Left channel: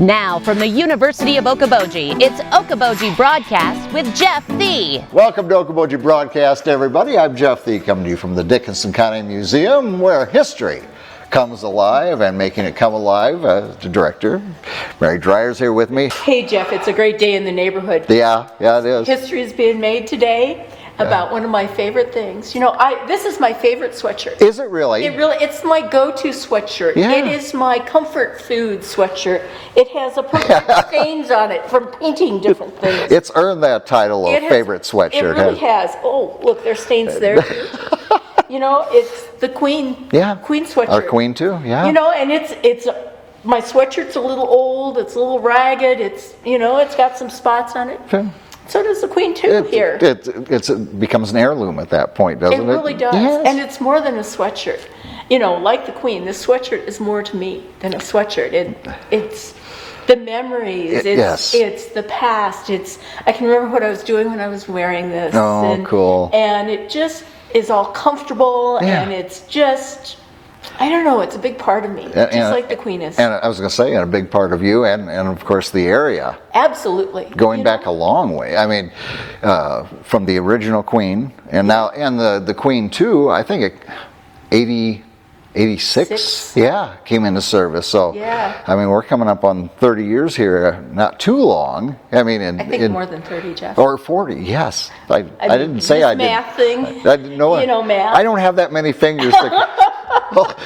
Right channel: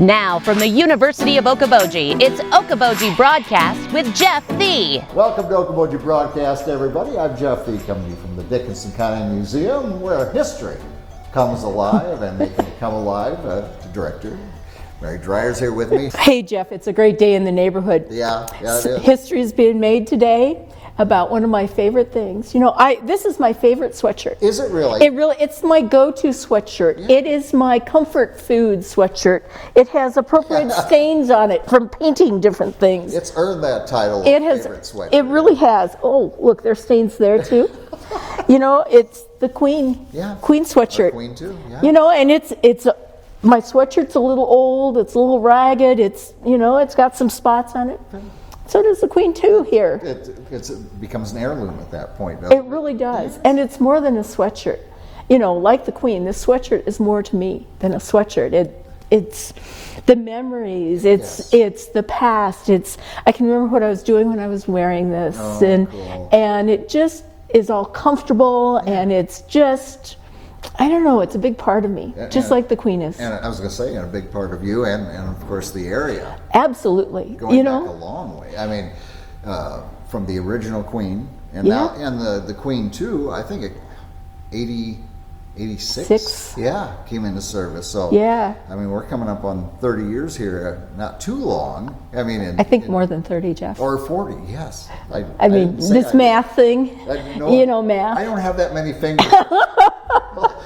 Now from the University of Okoboji, it's Okoboji Broadcast with Jeff Thee. Welcome to Okoboji Broadcast, everybody. I'm Jeff Thee, coming to you from the Dickinson County Museum, where history comes alive, and making it come alive, the director, Mary Dreier's here with me. Hey Jeff, it's a great day in the neighborhood. Yeah, it is. History's being made today about one of my favorite things. You know, this is my favorite sweatshirt. Is it really? It's my go-to sweatshirt. Yeah. It is my comfort food sweatshirt. It has appropriate stains on it from painting different things. It's earned that title of favorite sweatshirt. It really has. Oh, look, there's stains there too. You know, it's the Queen. Yeah. Queen sweatshirt. Our Queen too. Yeah. You know, and it's my sweatshirt's a little old. It's a little ragged. It's it's got some spots on it. Okay. So does the Queen too here. It becomes an heirloom at that point, doesn't it? It really does. Yes. And it's more than a sweatshirt. You know, like the Queen, this sweatshirt is more to me than a sweatshirt. It's the memories. It's the past. I can remember what I was doing when I was wearing this. Oh, cool. And it just is all comfortable, and it's just, I don't know, it's a big part of me, just like the Queen is. And I was going to say, and a big part of you, and of course the area. Absolutely. Going back a long way. I mean, from the original Queen, and now, and the Queen too, I think 86, came into service. So, I mean, we're coming up on 30 years here, not too long. I mean, I think more than 30, Jeff. Or 40, yes. I mean, didn't say this math thing, math. I don't have that many fingers. Well,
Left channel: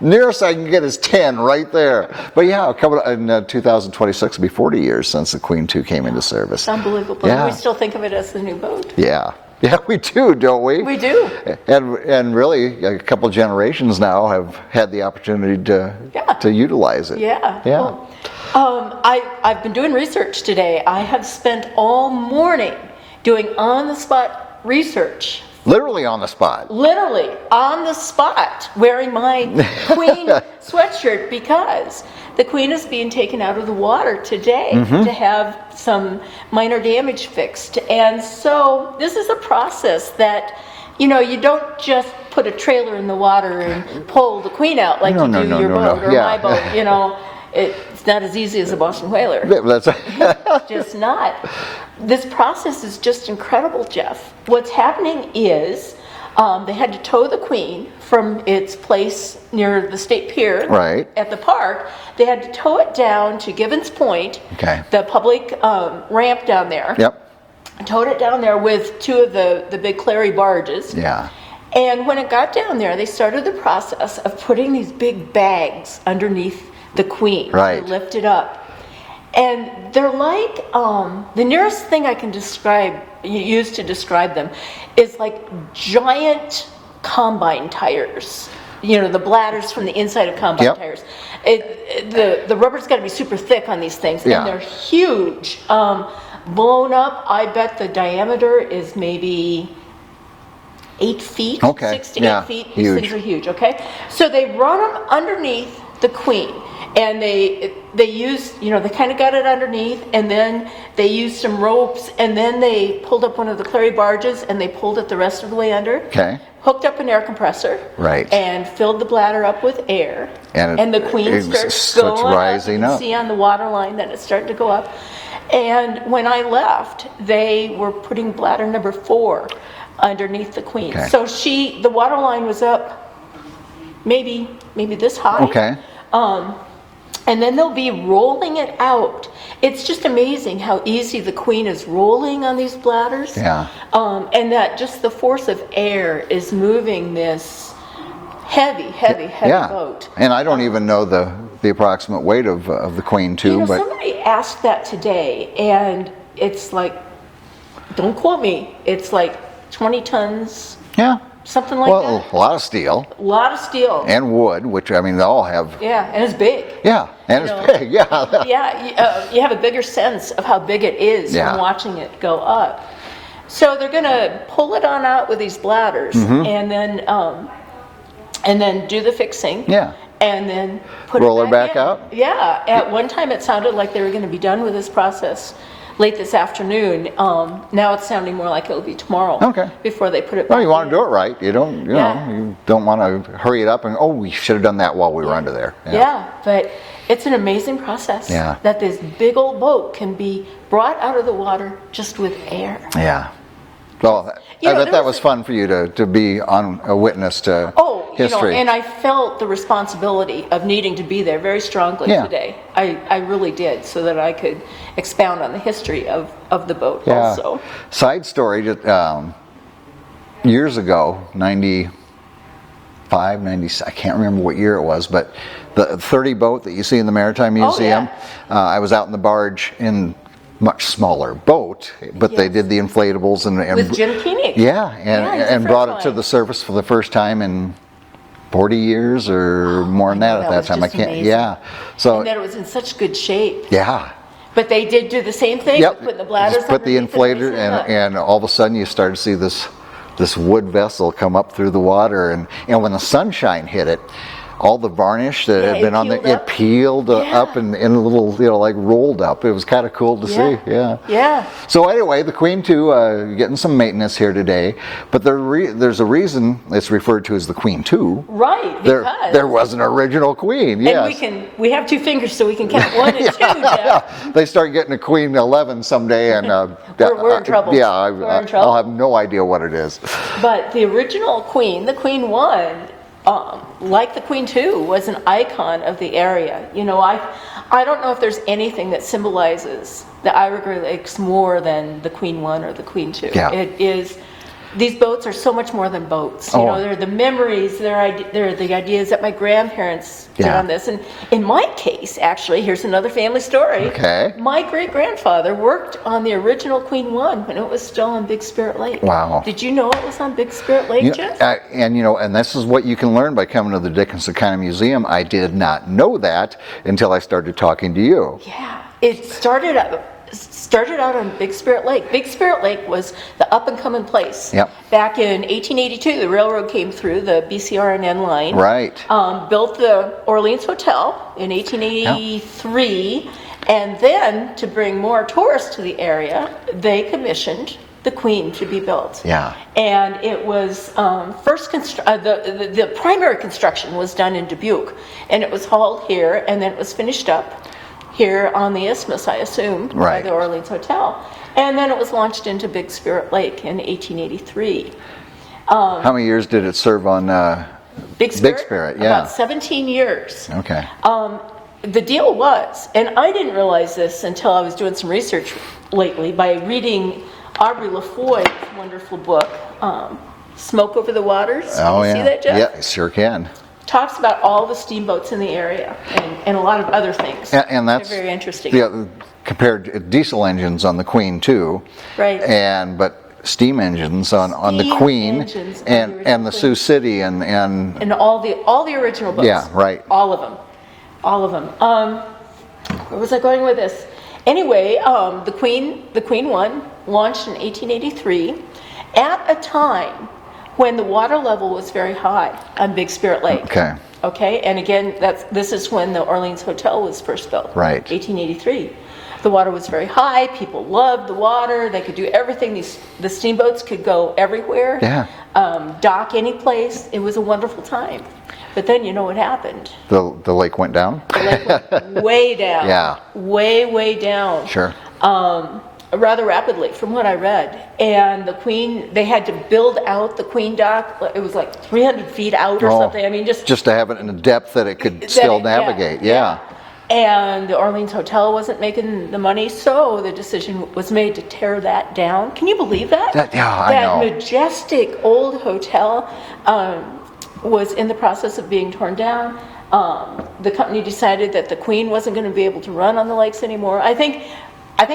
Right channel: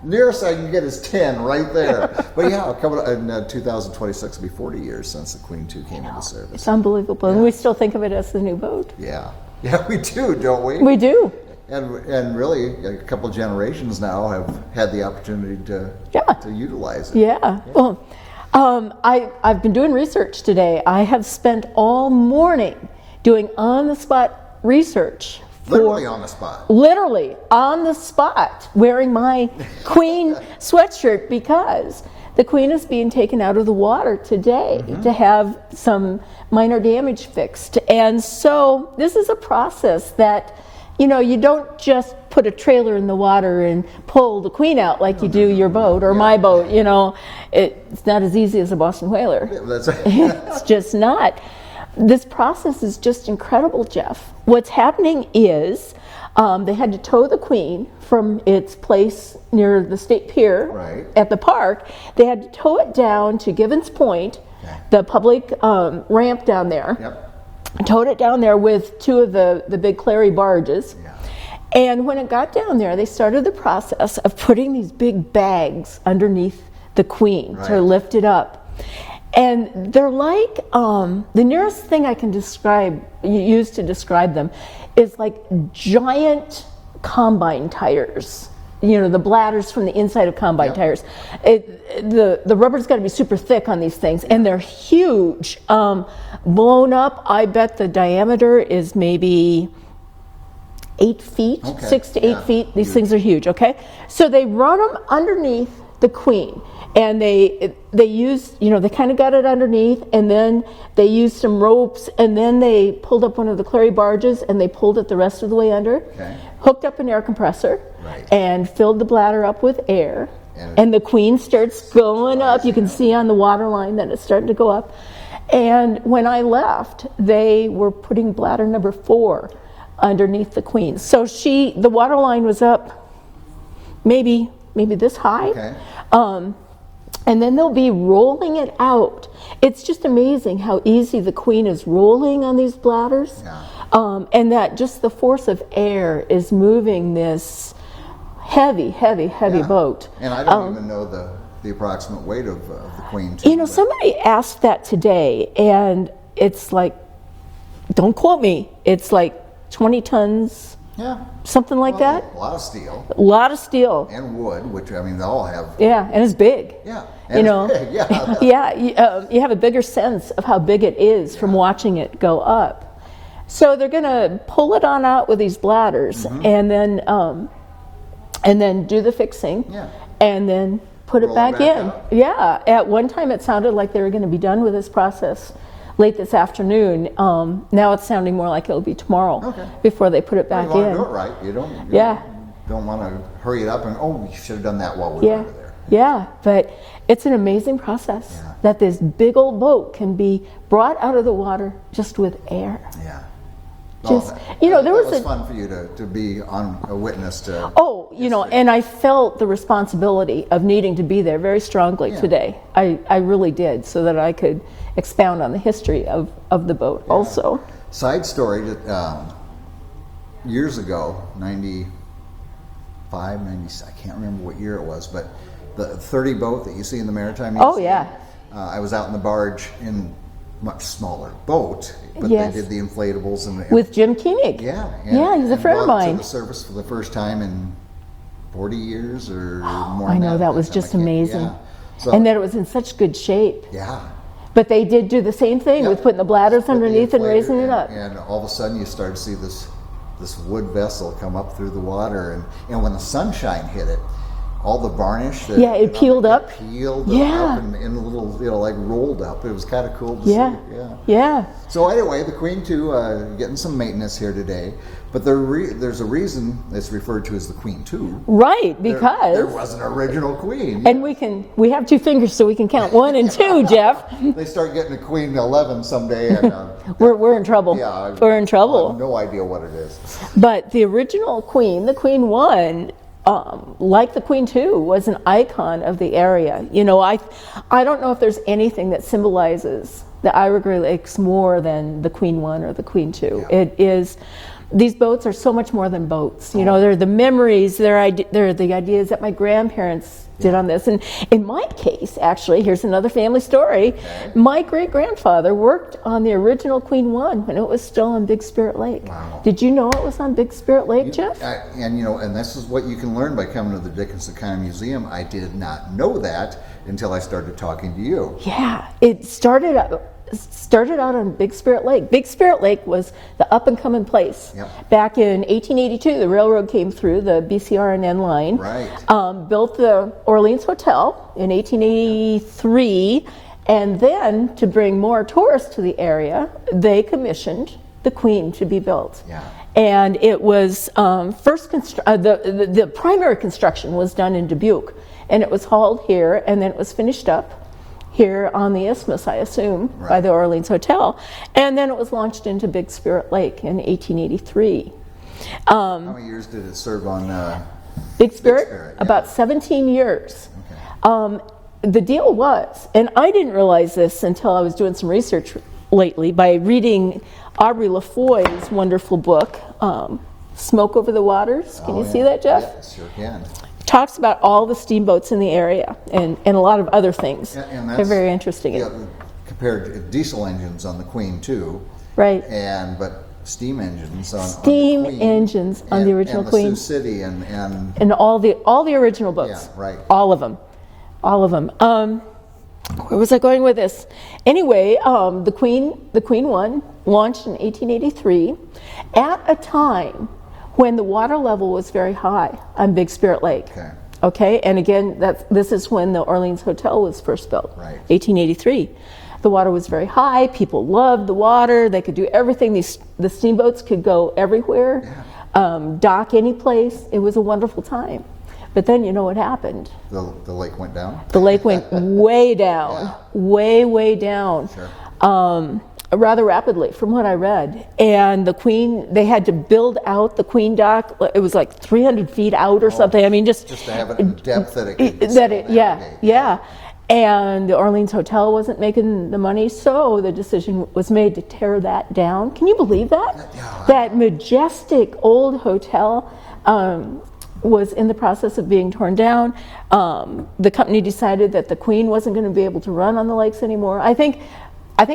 nearest I can get is 10 right there. But yeah, coming in 2026 will be 40 years since the Queen 2 came into service. It's unbelievable. Yeah. And we still think of it as the new boat. Yeah. Yeah, we do, don't we? We do. And really, a couple generations now have had the opportunity to utilize it. Yeah. Well, I've been doing research today. I have spent all morning doing on-the-spot research. Literally on the spot. Literally on the spot, wearing my Queen sweatshirt, because the Queen is being taken out of the water today to have some minor damage fixed. And so this is a process that, you don't just put a trailer in the water and pull the Queen out like you do your boat or my boat. It's not as easy as a Boston whaler. It's just not. This process is just incredible, Jeff. What's happening is they had to tow the Queen from its place near the State Pier at the park. They had to tow it down to Givens Point, the public ramp down there. Towed it down there with two of the big Clary barges. And when it got down there, they started the process of putting these big bags underneath the Queen to lift it up. And they're like, the nearest thing I can use to describe them is like giant combine tires. The bladders from the inside of combine tires. The rubber's got to be super thick on these things, and they're huge. Blown up, I bet the diameter is maybe 8 feet, 6 to 8 feet. These things are huge, So they run them underneath the Queen. And they used, they kind of got it underneath, and then they used some ropes, and then they pulled up one of the Clary barges, and they pulled it the rest of the way under. Hooked up an air compressor. And filled the bladder up with air. And the Queen starts going up. You can see on the water line that it's starting to go up. And when I left, they were putting bladder number 4 underneath the Queen. So the water line was up maybe this high. And then they'll be rolling it out. It's just amazing how easy the Queen is rolling on these bladders. And that just the force of air is moving this heavy boat. And I don't even know the approximate weight of the Queen too. Somebody asked that today, and it's like, don't quote me, it's like 20 tons. Something like that. A lot of steel. A lot of steel. And wood, which, I mean, they all have. And it's big. And it's big, you have a bigger sense of how big it is from watching it go up. So they're going to pull it on out with these bladders, and then do the fixing. And then put Roll it back in. Out? At one time it sounded like they were going to be done with this process late this afternoon. Now it's sounding more like it'll be tomorrow. Okay. Before they put it back Well, in. you want to do it right. You don't, you Yeah. know, you don't want to hurry it up and, oh, we should have done that while we were under there. Yeah, but it's an amazing process Yeah. that this big old boat can be brought out of the water just with air. Yeah. Well, Just- I you know, bet there that was was a- fun for you to be on a witness to history. And I felt the responsibility of needing to be there very strongly Yeah. today. I really did, so that I could expound on the history of the boat Yeah. also. Side story, years ago, 95, 90, I can't remember what year it was, but the 30 boat that you see in the Maritime Oh, Museum, yeah. I was out in the barge in much smaller boat, but they Yes. did the inflatables and With Jim Koenig. Yeah, and, Yeah, he's a and friend brought of it to mine. the surface for the first time in 40 years or more than I know, that at that that was time. just I can't. amazing. Yeah. So And that it was in such good shape. yeah. But they did do the same thing Yep. with putting the bladders Just put the underneath and inflator, raising it up. and all of a sudden you start to see this wood vessel come up through the water, and when the sunshine hit it, all the varnish that Yeah, had it been on peeled it up. peeled Yeah. up and a little, like rolled up. It was kind of cool to see. Yeah. Yeah. So anyway, the Queen 2 getting some maintenance here today, but there's a reason it's referred to as the Queen 2. Right, because There was an original Queen. and Yes. we have two fingers so we can count 1 and 2, Jeff. They start getting a Queen 11 someday, and We're in trouble. Yeah, We're in trouble. I'll have no idea what it is. But the original Queen, the Queen 1, like the Queen 2, was an icon of the area. You know, I don't know if there's anything that symbolizes the Ira Lakes more than the Queen 1 or the Queen 2. Yeah. It is. These boats are so much more than boats. You Oh. know, they're the memories, they're the ideas that my grandparents did Yeah. on this. And in my case, actually, here's another family story. Okay. My great-grandfather worked on the original Queen 1 when it was still on Big Spirit Lake. Wow. Did you know it was on Big Spirit Lake, Jeff? And this is what you can learn by coming to the Dickinson County Museum. I did not know that until I started talking to you. Yeah, it started out on Big Spirit Lake. Big Spirit Lake was the up and coming place. Yep. Back in 1882, the railroad came through, the BCR&N line. Right. Built the Orleans Hotel in 1883, and then to bring more tourists to the area, they commissioned the Queen to be built. Yeah. And it was the primary construction was done in Dubuque, and it was hauled here, and then it was finished up here on the isthmus, I assume, by Right. the Orleans Hotel. And then it was launched into Big Spirit Lake in 1883. How many years did it serve on Big Spirit? Spirit, yeah. About 17 years. Okay. The deal was, and I didn't realize this until I was doing some research lately by reading Aubrey LaFoy's wonderful book, Smoke Over the Waters. Can you see that, Jeff? Yeah, sure can. Talks about all the steamboats in the area and a lot of other things. And that's They're very interesting. Yeah, compared to diesel engines on the Queen 2. Right. But steam engines on the Steam Queen engines on the original and the Queen. Sioux City and And all the original boats. Yeah, right. All of them. Where was I going with this? Anyway, the Queen 1 launched in 1883 at a time when the water level was very high on Big Spirit Lake. Okay. Okay, and again, this is when the Orleans Hotel was first built. Right. 1883. The water was very high. People loved the water. They could do everything. The steamboats could go everywhere. Yeah. Dock any place. It was a wonderful time. But then you know what happened? The lake went down? The lake went way down. Yeah. Way down. Sure. Rather rapidly, from what I read. And the Queen, they had to build out the Queen dock. It was like 300 feet out or something. I mean, just to have it in a depth that it could that still it- navigate. Yeah. And the Orleans Hotel wasn't making the money, so the decision was made to tear that down. Can you believe that? I That know. majestic old hotel was in the process of being torn down. The company decided that the Queen wasn't going to be able to run on the lakes anymore. I think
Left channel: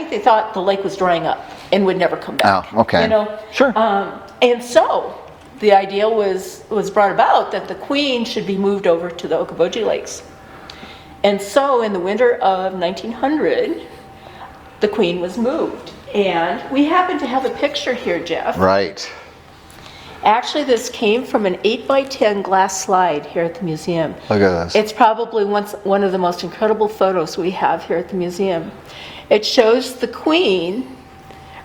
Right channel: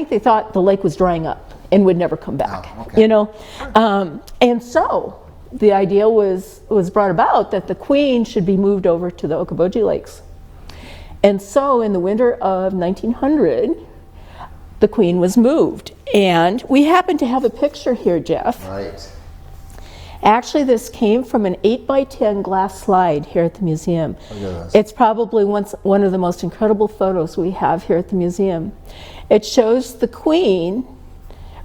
they thought the lake was drying up and would never come back. Oh, okay. You know? Sure. And so the idea was brought about that the Queen should be moved over to the Okoboji Lakes. And so in the winter of 1900, the Queen was moved. And we happen to have a picture here, Jeff. Right. Actually, this came from an 8x10 glass slide here at the museum. Look at this. It's probably one of the most incredible photos we have here at the museum. It shows the Queen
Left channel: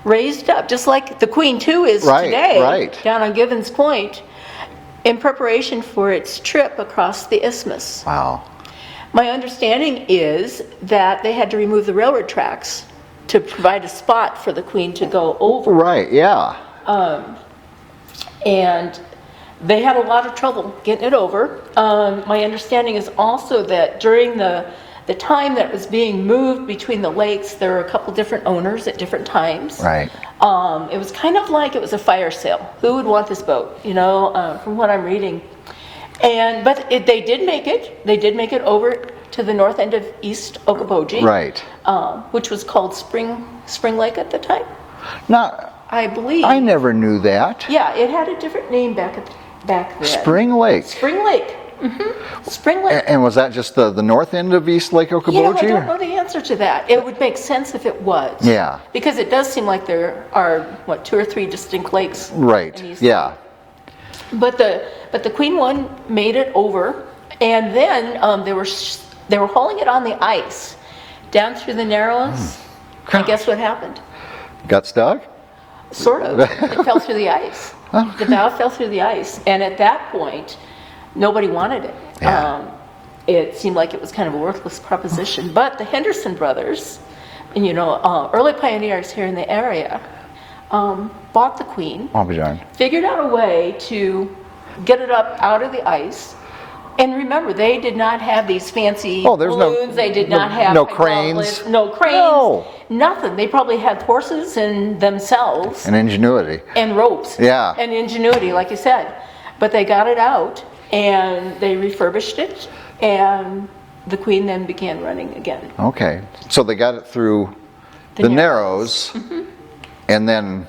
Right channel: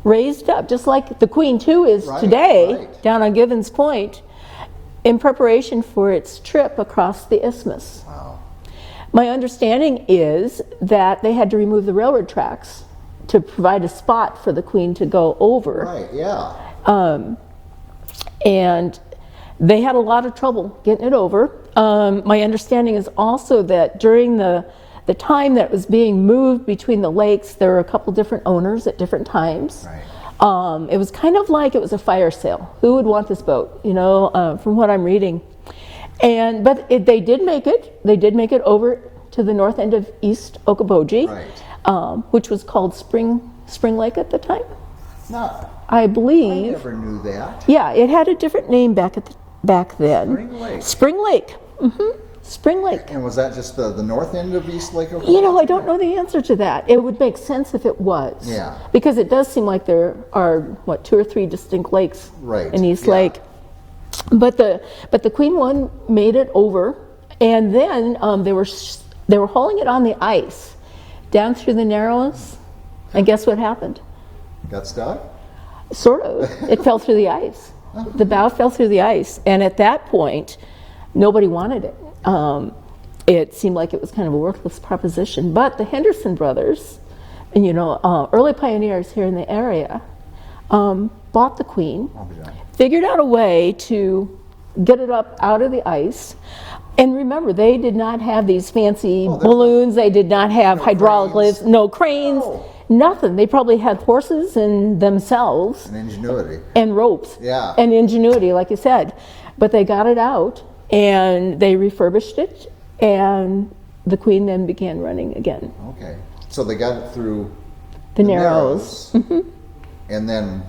raised up, just like the Queen too is today, down on Givens Point, in preparation for its trip across the isthmus. Wow. My understanding is that they had to remove the railroad tracks to provide a spot for the Queen to go over. Right, yeah. And they had a lot of trouble getting it over. My understanding is also that during the time that it was being moved between the lakes, there were a couple different owners at different times. Right. It was kind of like it was a fire sale. Who would want this boat, from what I'm reading. But they did make it. They did make it over to the north end of East Okoboji. Right. Which was called Spring Lake at the time. Now, I believe. I never knew that. Yeah, it had a different name back then. Spring Lake. Spring Lake. Mm-hmm. Spring Lake. And was that just the north end of East Lake Okoboji? I don't know the answer to that. It would make sense if it was. Yeah. Because it does seem like there are, 2 or 3 distinct lakes in East Lake. But the Queen one made it over, and then they were hauling it on the ice down through the Narrows. And guess what happened? Got stuck? Sort of. It fell through the ice. The bow fell through the ice, and at that point, nobody wanted it. Yeah. It seemed like it was kind of a worthless proposition. But the Henderson brothers, early pioneers here in the area, bought the Queen, figured out a way to get it up out of the ice. And remember, they did not have these fancy balloons. They did not have hydraulics, no cranes, nothing. They probably had horses and themselves. And ingenuity. And ropes. Yeah. And ingenuity, like you said. But they got it out, and they refurbished it, and the Queen then began running again. Okay. So they got it through the Narrows. Mm-hmm. And then,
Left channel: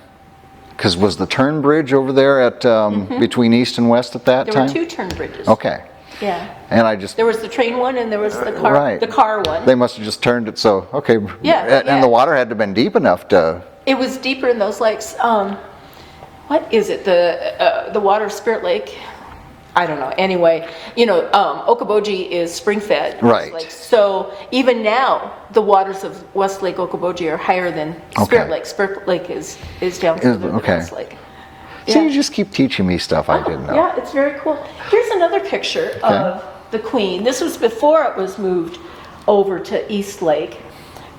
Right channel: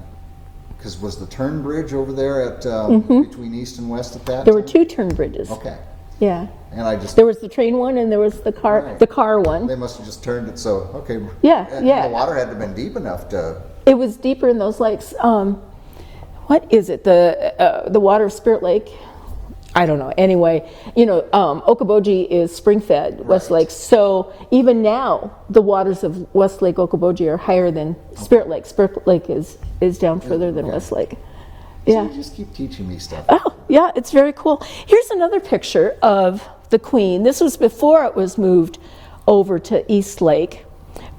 because was the turn bridge over there at between east and west at that time? There were 2 turn bridges. Okay. Yeah. And there was the train one and there was the car one. They must have just turned it so Yeah. And the water had to have been deep enough to. It was deeper in those lakes. What is it? The water of Spirit Lake? I don't know. Anyway, Okoboji is spring-fed, West Lake. So even now, the waters of West Lake Okoboji are higher than Spirit Lake. Spirit Lake is down further than West Lake. So you just keep teaching me stuff I didn't know. Yeah, it's very cool. Here's another picture of the Queen. This was before it was moved over to East Lake,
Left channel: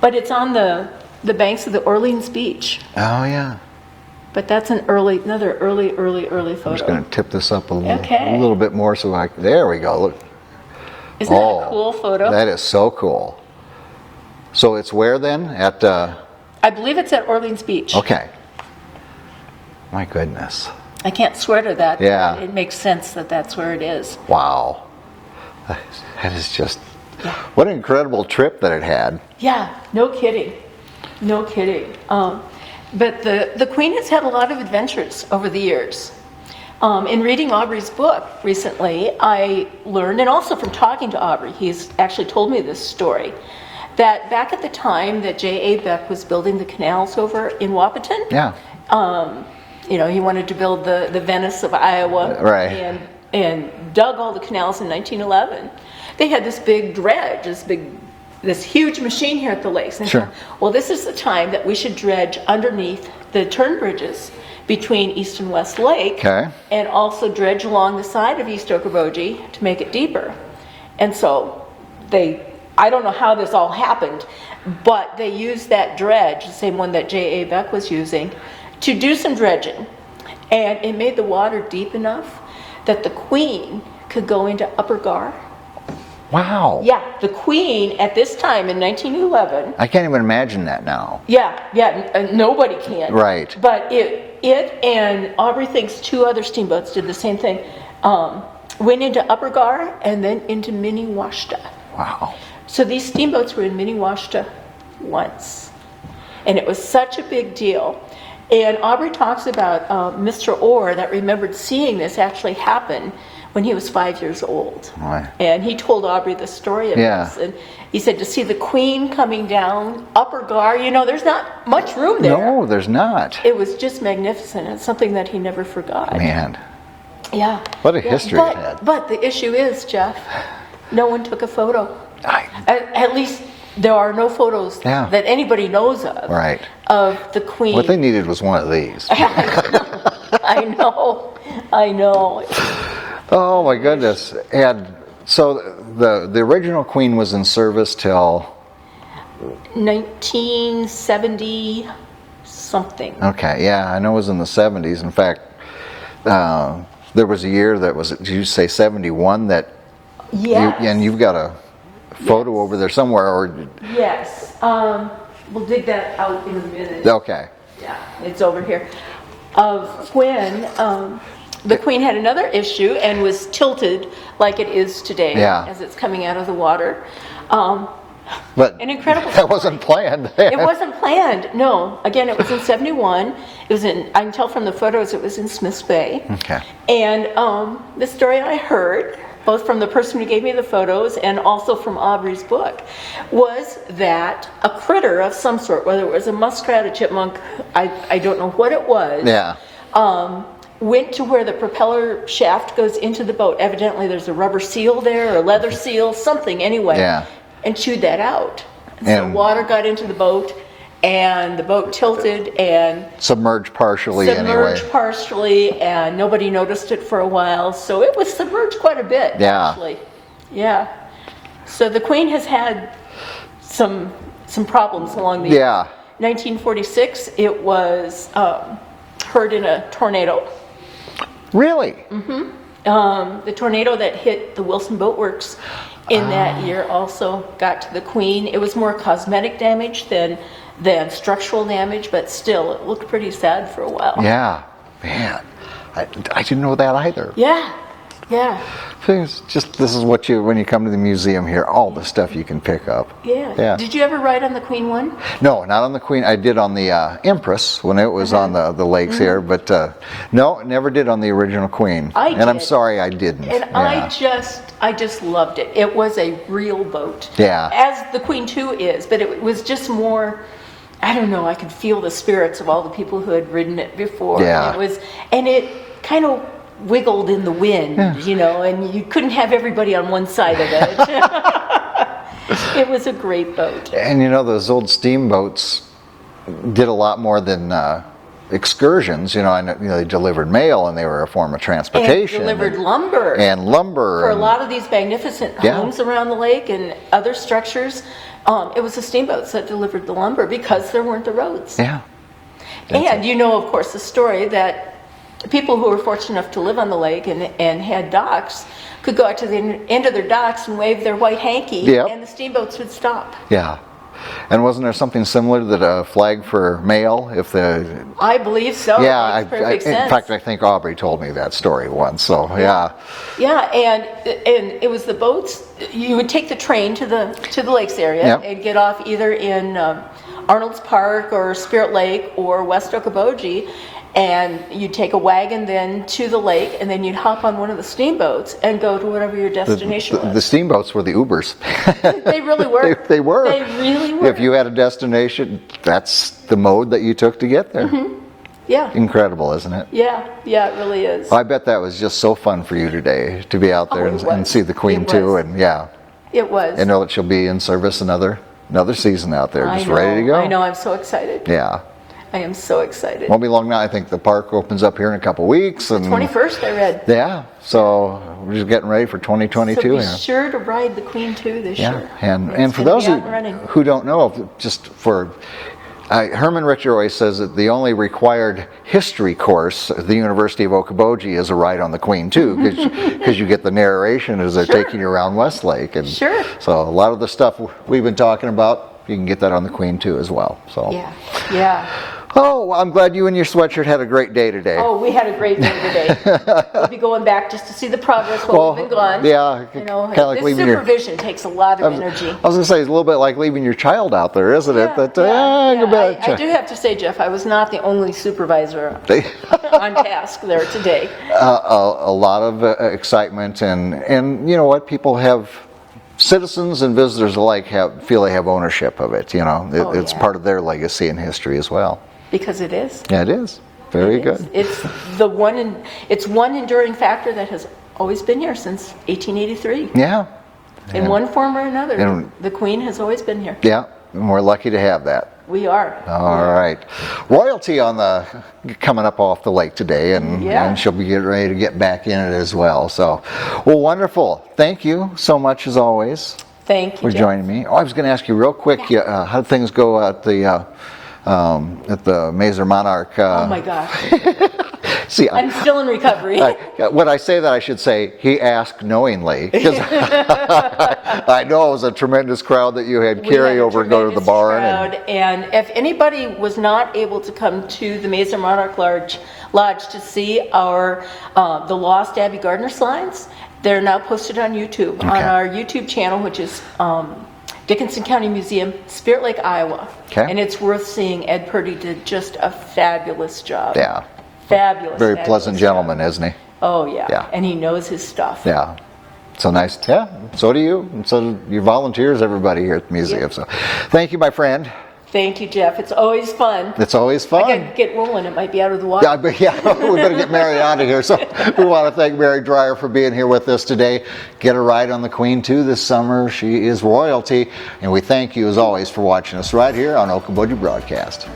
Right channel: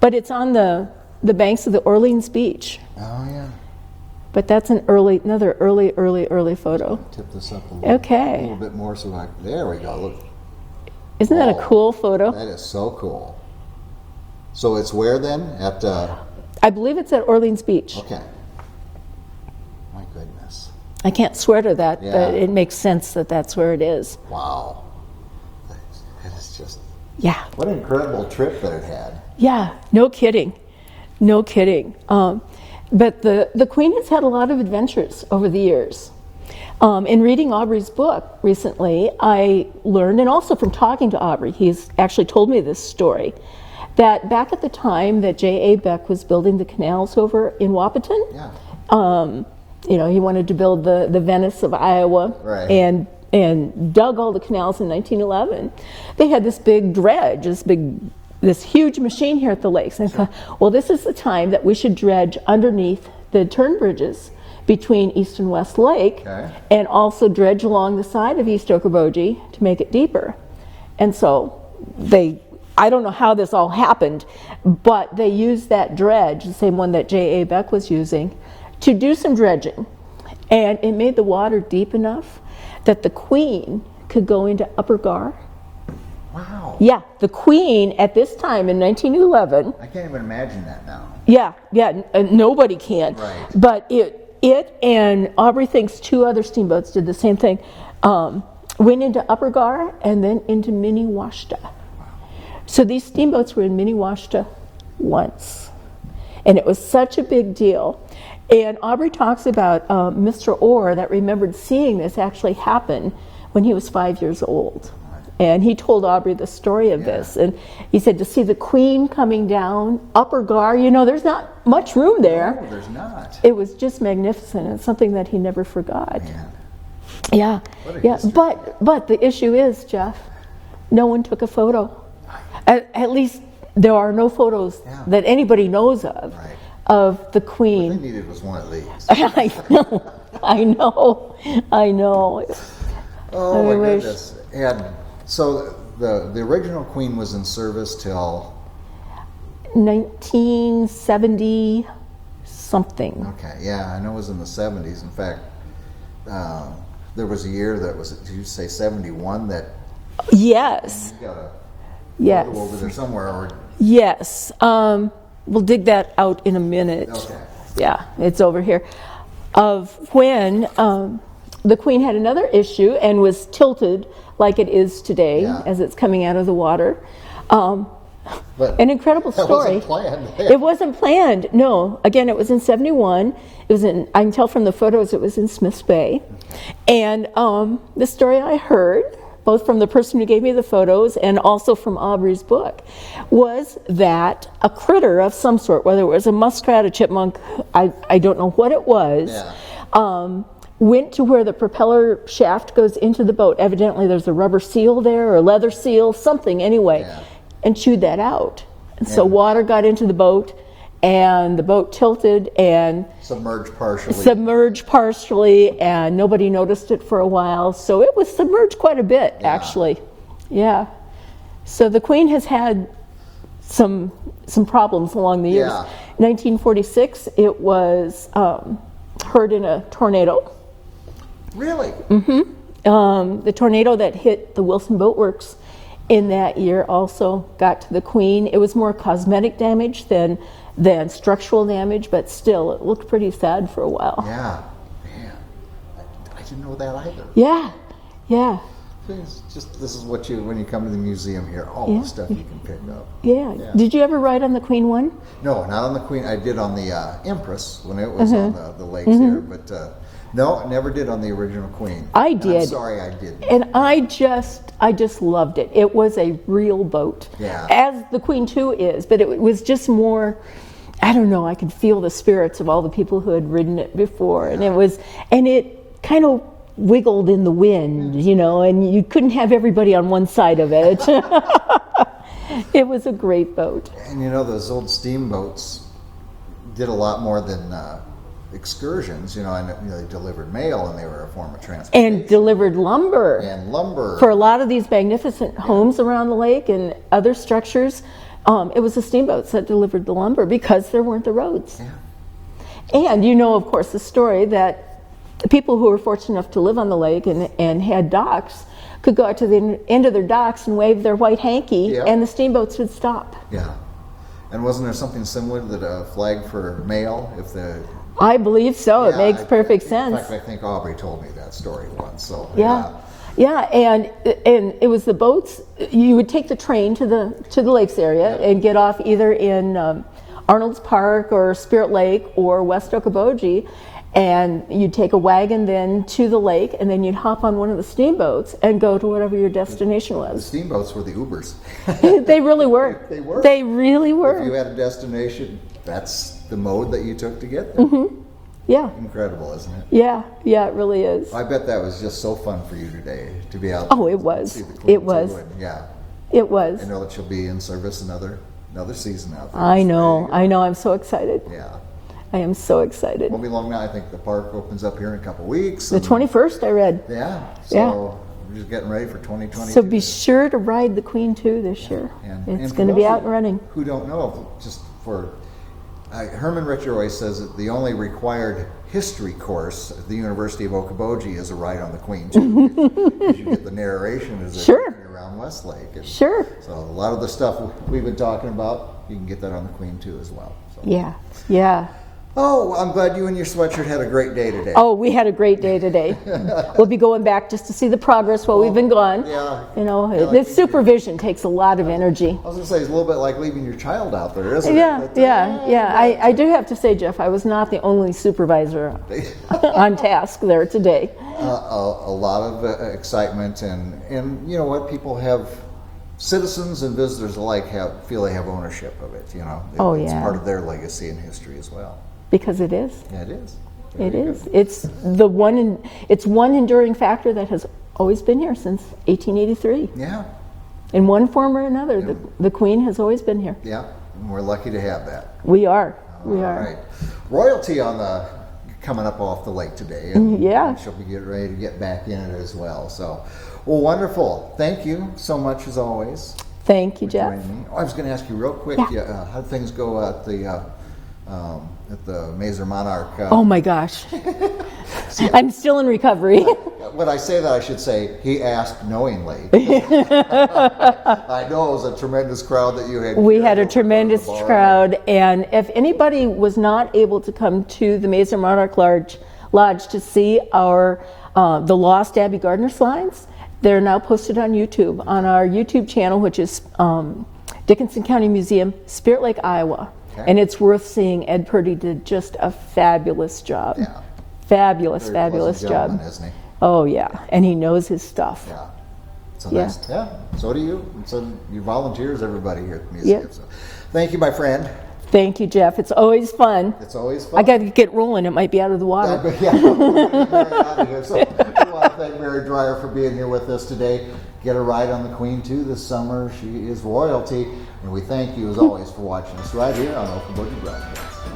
but it's on the banks of the Orleans Beach. Oh, yeah. But that's another early photo. I'm just going to tip this up a little bit more so there we go. Look. Isn't that a cool photo? That is so cool. So it's where then? At I believe it's at Orleans Beach. Okay. My goodness. I can't swear to that, but it makes sense that that's where it is. Wow. That is just what an incredible trip that it had. Yeah, no kidding. No kidding. But the Queen has had a lot of adventures over the years. In reading Aubrey's book recently, I learned, and also from talking to Aubrey, he's actually told me this story, that back at the time that J.A. Beck was building the canals over in Wahpeton, he wanted to build the Venice of Iowa, and dug all the canals in 1911. They had this big dredge, this huge machine here at the lakes. And I thought, well, this is the time that we should dredge underneath the turn bridges between East and West Lake, and also dredge along the side of East Okoboji to make it deeper. And so I don't know how this all happened, but they used that dredge, the same one that J.A. Beck was using, to do some dredging. And it made the water deep enough that the Queen could go into Upper Gar. Wow. Yeah, the Queen at this time in 1911. I can't even imagine that now. Yeah, nobody can. Right. But it and Aubrey thinks 2 other steamboats did the same thing. Went into Upper Gar and then into Minnewaska. Wow. So these steamboats were in Minnewaska once. And it was such a big deal. And Aubrey talks about Mr. Orr that remembered seeing this actually happen when he was 5 years old. Right. And he told Aubrey the story of Yeah. this. And he said to see the Queen coming down, upper gar, there's not much room there. No, there's not. It was just magnificent and something that he never forgot. Man, Yeah. what a Yeah, history it had. but the issue is, Jeff, no one took a photo. I- At least there are no photos Yeah. that anybody knows of Right. of the Queen. What they needed was one of these. I know. Oh my I wish. goodness. And so the original Queen was in service till, 1970 something. okay, yeah, I know it was in the 70s. In fact, there was a year that was, did you say 71, that Yes. and you've got a photo Yes. over there somewhere, or, Yes. We'll dig that out in a minute. okay. Yeah, it's over here. Of when the Queen had another issue and was tilted like it is today Yeah. as it's coming out of the water. But An incredible story. that wasn't planned. It wasn't planned. No. Again, it was in 71. It was in, I can tell from the photos, it was in Smith's Bay. Okay. And the story I heard, both from the person who gave me the photos and also from Aubrey's book, was that a critter of some sort, whether it was a muskrat, a chipmunk, I don't know what it was, Yeah. went to where the propeller shaft goes into the boat. Evidently there's a rubber seal there, or a leather seal, something anyway, Yeah. and chewed that out. And so And- water got into the boat, and the boat tilted and Submerged partially submerged anyway. partially, and nobody noticed it for a while. So it was submerged quite a bit, Yeah. actually. Yeah. So the Queen has had some problems along the years. Yeah. 1946, it was hurt in a tornado. Really? The tornado that hit the Wilson Boat Works in that year also got to the Queen. It was more cosmetic damage than structural damage, but still, it looked pretty sad for a while. Yeah. Man, I didn't know that either. Yeah. Yeah. It's just, this is what when you come to the museum here, all the stuff you can pick up. Yeah. Yeah. Did you ever ride on the Queen one? No, not on the Queen. I did on the Empress when it was on the lakes here, but no, never did on the original Queen. I and I'm did. sorry I didn't. And Yeah. I just loved it. It was a real boat. Yeah. As the Queen 2 is, but it was just more, I don't know, I could feel the spirits of all the people who had ridden it before. Yeah. And it kind of wiggled in the wind, and you couldn't have everybody on one side of it. It was a great boat. And those old steamboats did a lot more than excursions. I know, they delivered mail, and they were a form of transportation. And delivered lumber. And lumber. For a lot of these magnificent Yeah. homes around the lake and other structures, it was the steamboats that delivered the lumber because there weren't the roads. Yeah. And of course, the story that people who were fortunate enough to live on the lake and had docks could go out to the end of their docks and wave their white hanky, Yeah. and the steamboats would stop. Yeah. And wasn't there something similar to the flag for mail? I believe so. Yeah, It makes perfect sense. In fact, I think Aubrey told me that story once. So yeah. Yeah, and it was the boats. You would take the train to the lakes area Yep. and get off either in Arnold's Park or Spirit Lake or West Okoboji, and you'd take a wagon then to the lake, and then you'd hop on one of the steamboats and go to whatever your destination The was. steamboats were the Ubers. They really were. They were. They really were. If you had a destination, that's the mode that you took to get there. Yeah. Incredible, isn't it? Yeah, it really is. I bet that was just so fun for you today to be out there it and was. see the Queen It too, was. and yeah, It was. and know that she'll be in service another season out there, I just know. ready to go. I know. I'm so excited. Yeah. I am so excited. Won't be long now. I think the park opens up here in a couple weeks. The 21st, I read. Yeah. So we're just getting ready for 2022. So be here. sure to ride the Queen too this year. And It's for gonna those be out and running. who don't know, just for Herman Richter always says that the only required history course at the University of Okoboji is a ride on the Queen too, because you get the narration as they're Sure. taking you around Westlake. And Sure. So a lot of the stuff we've been talking about, you can get that on the Queen too as well. So Yeah. Oh, I'm glad you and your sweatshirt had a great day today. Oh, we had a great day today. We'll be going back just to see the progress while we've been gone. Yeah. You know, kinda like this leaving supervision takes a lot of energy. I was going to say, it's a little bit like leaving your child out there, isn't Yeah, it? But, yeah. I do have to say, Jeff, I was not the only supervisor on task there today. A lot of excitement, and you know what, people have, citizens and visitors alike feel they have ownership of it. You know, it's part of their legacy and history as well. Because it is. Yeah, it is. Very good. It's the one enduring factor that has always been here since 1883. Yeah. In one form or another, And- the Queen has always been here. Yeah, and we're lucky to have that. We are. All right. Royalty coming up off the lake today, and she'll be getting ready to get back in it as well. So, well, wonderful. Thank you so much as always Thank you, for Jeff. joining me. Oh, I was going to ask you real quick, how did things go at the Mazer Monarch? Oh my gosh. See, I'm still in recovery. when I say that, I should say he asked knowingly, because I know it was a tremendous crowd that you had carry over to go to the bar. Crowd, and if anybody was not able to come to the Mazer Monarch Lodge to see our the Lost Abbey Gardner slides, they're now posted on YouTube, on our YouTube channel, which is Dickinson County Museum, Spirit Lake, Iowa. Okay. And it's worth seeing. Ed Purdy did just a fabulous job. Yeah. Fabulous. Very pleasant gentleman, job. isn't he? Oh yeah. Yeah. And he knows his stuff. Yeah. So nice. Yeah. So do you. And so do your volunteers, everybody here at the museum. Yeah. So thank you, my friend. Thank you, Jeff. It's always fun. It's always fun. I got to get rolling. It might be out of the water. Yeah, we're going to get Mary out of here. So we want to thank Mary Dreier for being here with us today. Get a ride on the Queen too this summer. She is royalty. And we thank you as always for watching us right here on Okoboji Broadcast.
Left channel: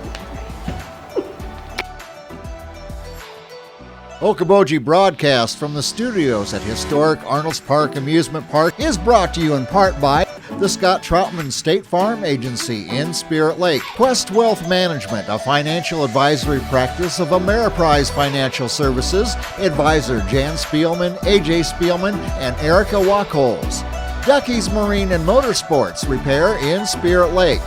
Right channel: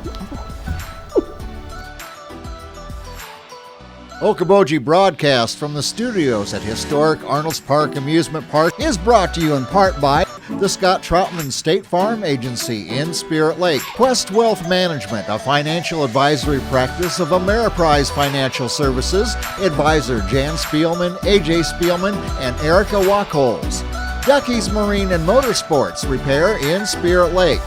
Okoboji Broadcast from the studios at historic Arnold's Park Amusement Park is brought to you in part by the Scott Troutman State Farm Agency in Spirit Lake, Quest Wealth Management, a financial advisory practice of Ameriprise Financial Services, advisor Jan Spielman, AJ Spielman, and Erica Wachholz. Ducky's Marine and Motorsports Repair in Spirit Lake.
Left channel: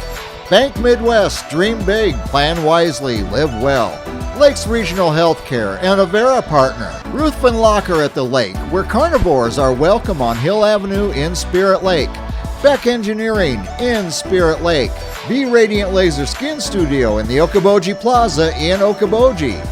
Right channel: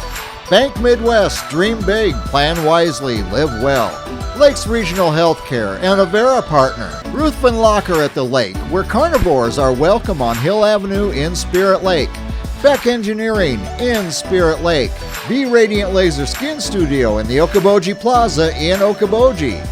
Bank Midwest, dream big, plan wisely, live well. Lakes Regional Healthcare and Avera Partner. Ruthven Locker at the Lake, where carnivores are welcome on Hill Avenue in Spirit Lake. Beck Engineering in Spirit Lake. Be Radiant Laser Skin Studio in the Okoboji Plaza in Okoboji.